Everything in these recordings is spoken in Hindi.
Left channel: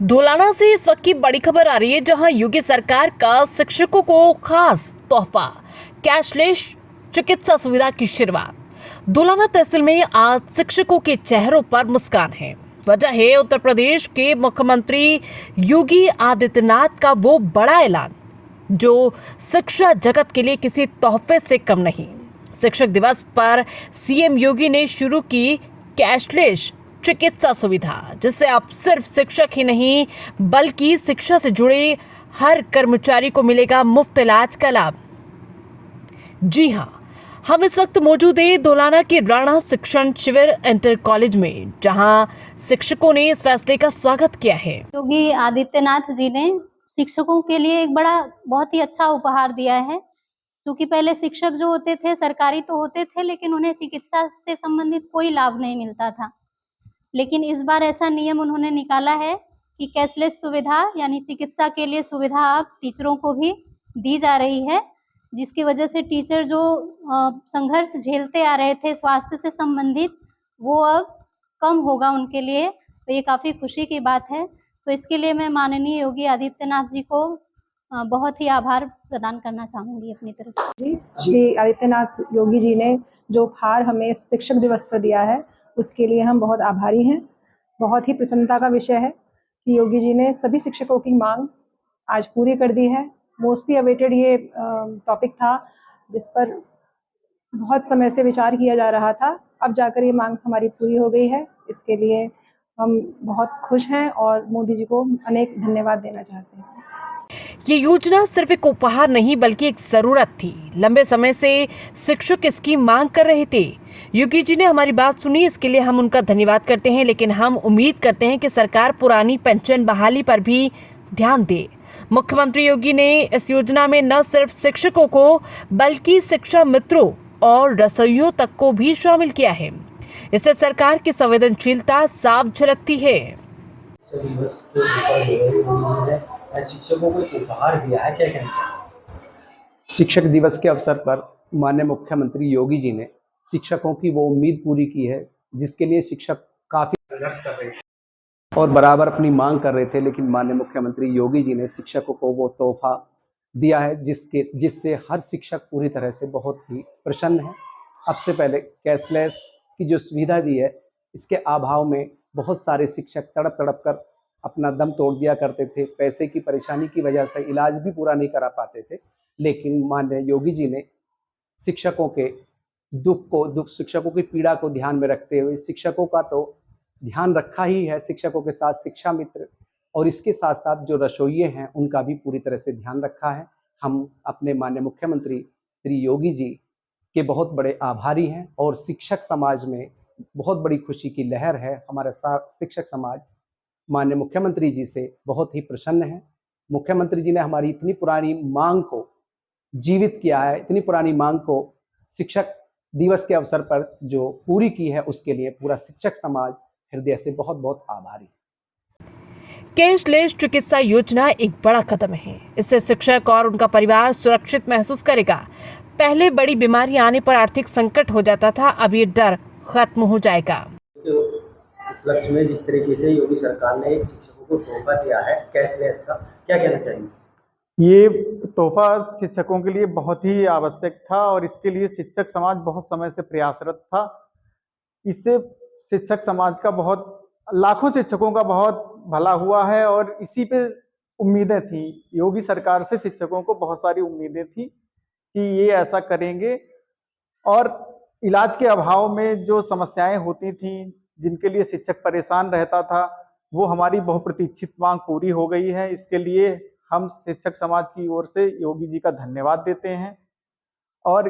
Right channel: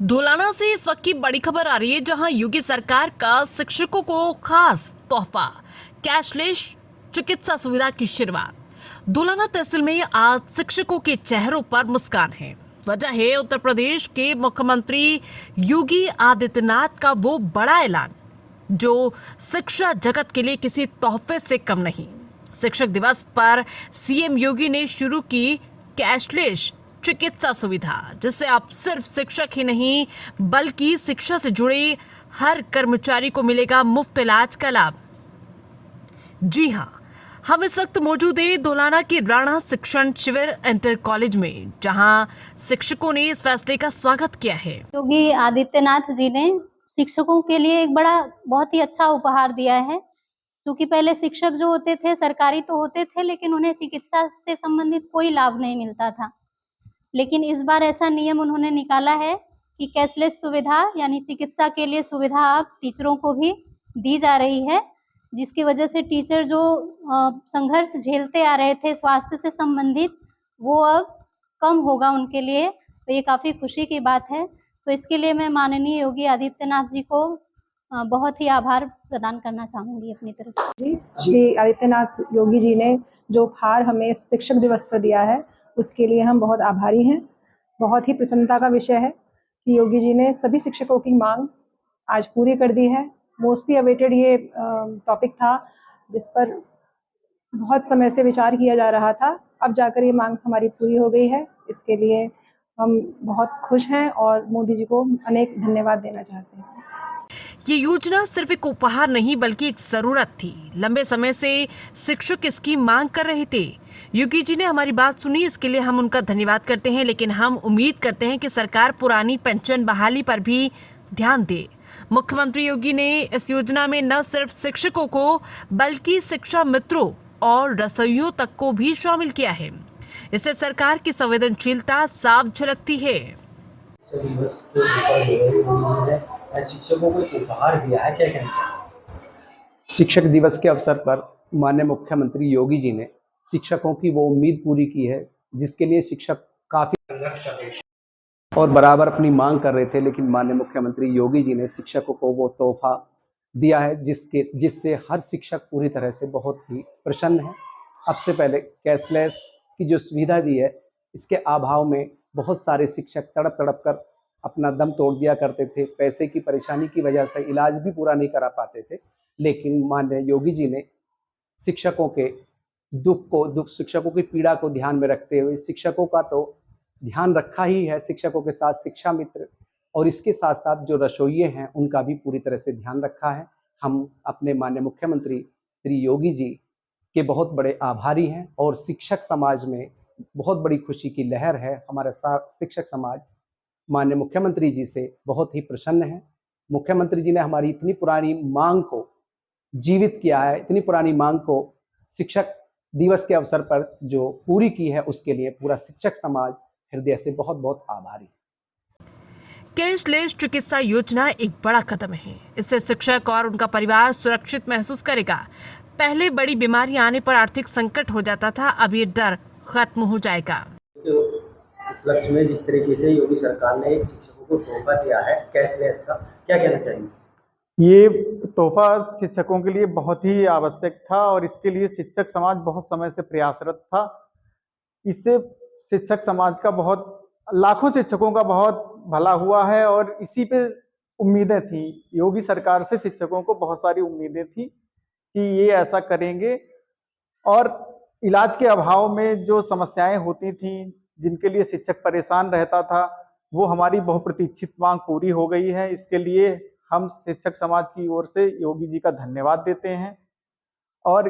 धुलाना से इस वक्त की बड़ी खबर आ रही है, जहां योगी सरकार का शिक्षकों को खास तोहफा कैशलेस चिकित्सा सुविधा की शुरुआत। धुलाना तहसील में आज शिक्षकों के चेहरों पर मुस्कान है। वजह है उत्तर प्रदेश के मुख्यमंत्री योगी आदित्यनाथ का वो बड़ा ऐलान जो शिक्षा जगत के लिए किसी तोहफे से कम नहीं। शिक्षक दिवस पर सीएम योगी ने शुरू की कैशलेस चिकित्सा सुविधा, जिससे अब सिर्फ शिक्षक ही नहीं बल्कि शिक्षा से जुड़े हर कर्मचारी को मिलेगा मुफ्त इलाज का लाभ। जी हां, हम इस वक्त मौजूद हैं धुलाना के राणा शिक्षण शिविर इंटर कॉलेज में, जहां शिक्षकों ने इस फैसले का स्वागत किया है। योगी आदित्यनाथ जी ने शिक्षकों के लिए एक बहुत ही अच्छा उपहार दिया है। क्योंकि पहले शिक्षक जो होते थे सरकारी तो होते थे, लेकिन उन्हें चिकित्सा से संबंधित कोई लाभ नहीं मिलता था। लेकिन इस बार ऐसा नियम उन्होंने निकाला है कि कैशलेस सुविधा यानी चिकित्सा के लिए सुविधा अब टीचरों को भी दी जा रही है, जिसकी वजह से टीचर जो संघर्ष झेलते आ रहे थे स्वास्थ्य से संबंधित, वो अब कम होगा उनके लिए। तो ये काफ़ी खुशी की बात है। तो इसके लिए मैं माननीय योगी आदित्यनाथ जी को बहुत ही आभार प्रदान करना चाहूँगी अपनी तरफ से। श्री आदित्यनाथ योगी जी ने जो उपहार हमें शिक्षक दिवस पर दिया है, उसके लिए हम बहुत आभारी हैं। बहुत ही प्रसन्नता का विषय है कि योगी जी ने सभी शिक्षकों की मांग आज पूरी कर दी है। मोस्टली अवेटेड ये टॉपिक था जिस पर बहुत समय से विचार किया जा रहा था। अब जाकर ये मांग हमारी पूरी हो गई है। इसके लिए हम बहुत खुश हैं और मोदी जी को अनेक धन्यवाद देना चाहते हैं। ये योजना सिर्फ एक उपहार नहीं बल्कि एक जरूरत थी। लंबे समय से शिक्षक इसकी मांग कर रहे थे। योगी जी ने हमारी बात सुनी, इसके लिए हम उनका धन्यवाद करते हैं। लेकिन हम उम्मीद करते हैं कि सरकार पुरानी पेंशन बहाली पर भी ध्यान दे। मुख्यमंत्री योगी ने इस योजना में न सिर्फ शिक्षकों को बल्कि शिक्षा मित्रों और रसोइयों तक को भी शामिल किया है। इससे सरकार की संवेदनशीलता साफ झलकती है। शिक्षकों को उपहार दिया है, क्या कहना चाहिए? शिक्षक दिवस के अवसर पर माननीय मुख्यमंत्री योगी जी ने शिक्षकों की वो उम्मीद पूरी की है जिसके लिए शिक्षक काफी संघर्ष कर रहे थे और बराबर अपनी मांग कर रहे थे, लेकिन माननीय मुख्यमंत्री योगी जी ने शिक्षकों को वो तोहफा दिया है जिससे हर शिक्षक पूरी तरह से बहुत ही प्रसन्न है। अब से पहले कैशलेस की जो सुविधा दी है, इसके अभाव में बहुत सारे शिक्षक तड़प तड़प कर अपना दम तोड़ दिया करते थे। पैसे की परेशानी की वजह से इलाज भी पूरा नहीं करा पाते थे। लेकिन माननीय योगी जी ने शिक्षकों के शिक्षकों की पीड़ा को ध्यान में रखते हुए शिक्षकों का तो ध्यान रखा ही है, शिक्षकों के साथ शिक्षा मित्र और इसके साथ साथ जो रसोइये हैं उनका भी पूरी तरह से ध्यान रखा है। हम अपने माननीय मुख्यमंत्री श्री योगी जी के बहुत बड़े आभारी हैं और शिक्षक समाज में बहुत बड़ी खुशी की लहर है। हमारा शिक्षक समाज माननीय मुख्यमंत्री जी से बहुत ही प्रसन्न है। मुख्यमंत्री जी ने हमारी इतनी पुरानी मांग को जीवित किया है, इतनी पुरानी मांग को शिक्षक दिवस के अवसर पर जो पूरी की है, उसके लिए पूरा शिक्षक समाज हृदय से बहुत बहुत आभारी है। कैशलेस चिकित्सा योजना एक बड़ा कदम है। इससे शिक्षक और उनका परिवार सुरक्षित महसूस करेगा। पहले बड़ी बीमारी आने पर आर्थिक संकट हो जाता था, अब ये डर खत्म हो जाएगा। उपलक्ष्य में जिस तरीके से योगी सरकार ने एक शिक्षकों को तोहफा दिया है कैशलेस का, क्या कहना चाहिए? ये तोहफा शिक्षकों के लिए बहुत ही आवश्यक था और इसके लिए शिक्षक समाज बहुत समय से प्रयासरत था। इससे शिक्षक समाज का लाखों शिक्षकों का बहुत भला हुआ है और इसी पे उम्मीदें थी। योगी सरकार से शिक्षकों को बहुत सारी उम्मीदें थी कि ये ऐसा करेंगे और इलाज के अभाव में जो समस्याएं होती थी, जिनके लिए शिक्षक परेशान रहता था, वो हमारी बहुप्रतीक्षित मांग पूरी हो गई है। इसके लिए हम शिक्षक समाज की ओर से योगी जी का धन्यवाद देते हैं और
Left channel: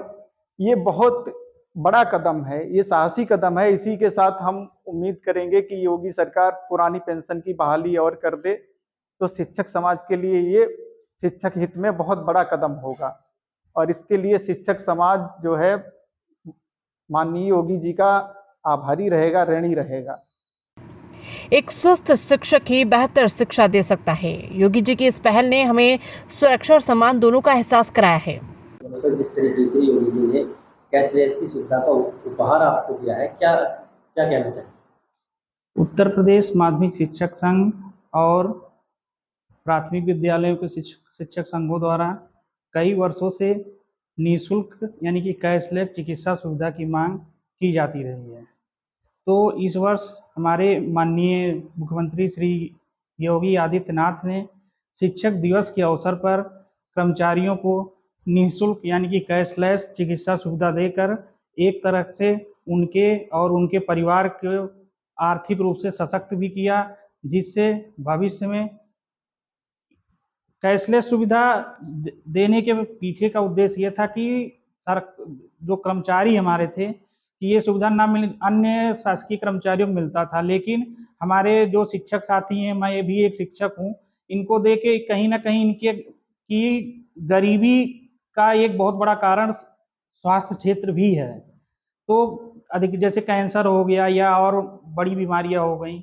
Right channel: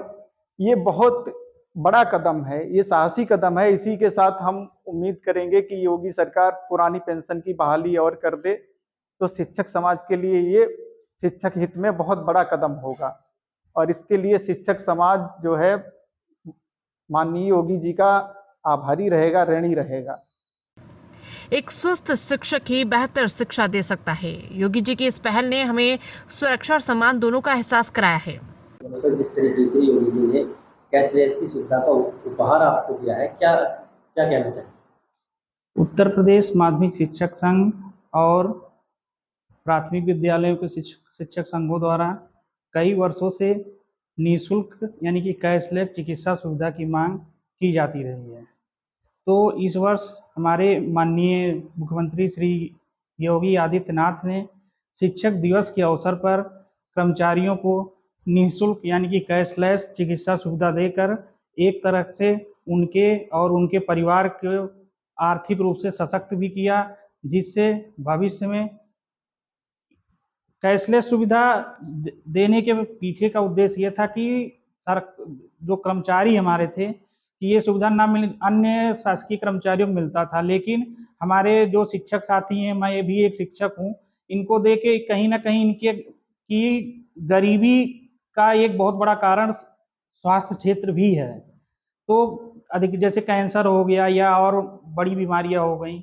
ये बहुत बड़ा कदम है, ये साहसी कदम है। इसी के साथ हम उम्मीद करेंगे कि योगी सरकार पुरानी पेंशन की बहाली और कर दे तो शिक्षक समाज के लिए ये शिक्षक हित में बहुत बड़ा कदम होगा और इसके लिए शिक्षक समाज जो है माननीय योगी जी का आभारी रहेगा, ऋणी रहेगा। एक स्वस्थ शिक्षक ही बेहतर शिक्षा दे सकता है। योगी जी की इस पहल ने हमें सुरक्षा और सम्मान दोनों का एहसास कराया है। जिस तरीके से योगी जी ने कैशलेस की सुविधा का उपहार आपको दिया है, क्या कहना चाहिए? उत्तर प्रदेश माध्यमिक शिक्षक संघ और प्राथमिक विद्यालयों के शिक्षक संघों द्वारा कई वर्षों से निःशुल्क यानी कि कैशलेस चिकित्सा सुविधा की मांग की जाती रही है। तो इस वर्ष हमारे माननीय मुख्यमंत्री श्री योगी आदित्यनाथ ने शिक्षक दिवस के अवसर पर कर्मचारियों को निःशुल्क यानी कि कैशलेस चिकित्सा सुविधा देकर एक तरह से उनके और उनके परिवार को आर्थिक रूप से सशक्त भी किया, जिससे भविष्य में कैशलेस सुविधा देने के पीछे का उद्देश्य ये था कि जो कर्मचारी हमारे थे कि ये सुविधा ना मिल अन्य शासकीय कर्मचारियों को मिलता था, लेकिन हमारे जो शिक्षक साथी हैं, मैं भी एक शिक्षक हूँ, इनको देके कहीं ना कहीं इनके की गरीबी का एक बहुत बड़ा कारण स्वास्थ्य क्षेत्र भी है। तो अधिक जैसे कैंसर हो गया या और बड़ी बीमारियां हो गई,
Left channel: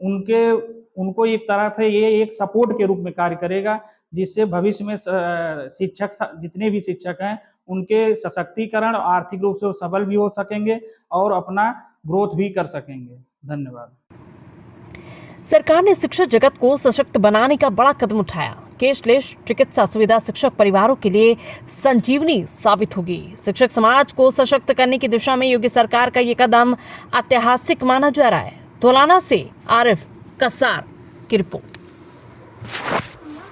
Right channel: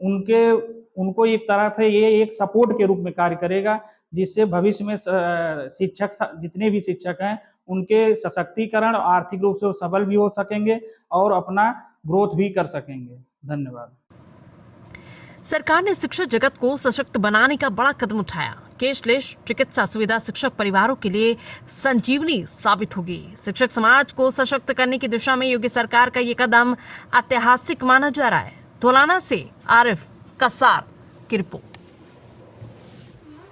उनको एक तरह से ये एक सपोर्ट के रूप में कार्य करेगा, जिससे भविष्य में शिक्षक जितने भी शिक्षक हैं उनके सशक्तिकरण आर्थिक रूप से सबल भी हो सकेंगे और अपना ग्रोथ भी कर सकेंगे। धन्यवाद। सरकार ने शिक्षा जगत को सशक्त बनाने का बड़ा कदम उठाया। कैशलेस चिकित्सा सुविधा शिक्षक परिवारों के लिए संजीवनी साबित होगी। शिक्षक समाज को सशक्त करने की दिशा में योगी सरकार का ये कदम ऐतिहासिक माना जा रहा है। धौलाना से आरिफ कसार की रिपोर्ट।